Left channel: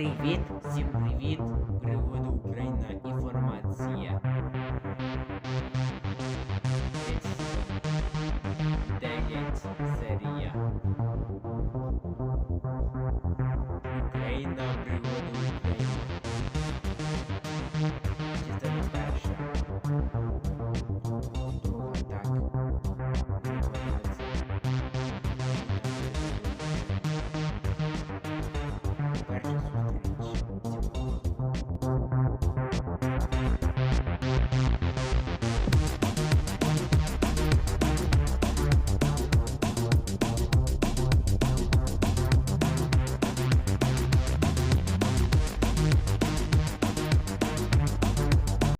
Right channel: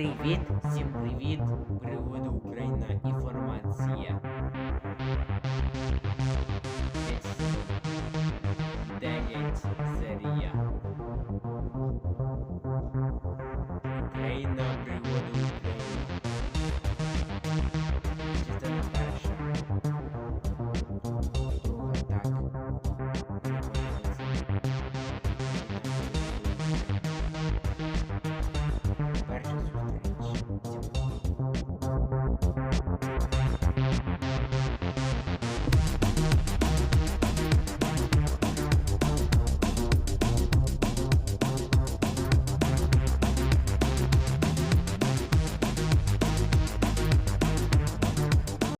Привіт, всім привіт! Приводу Україна інформація. Дев'ять серія. Україна, приводу.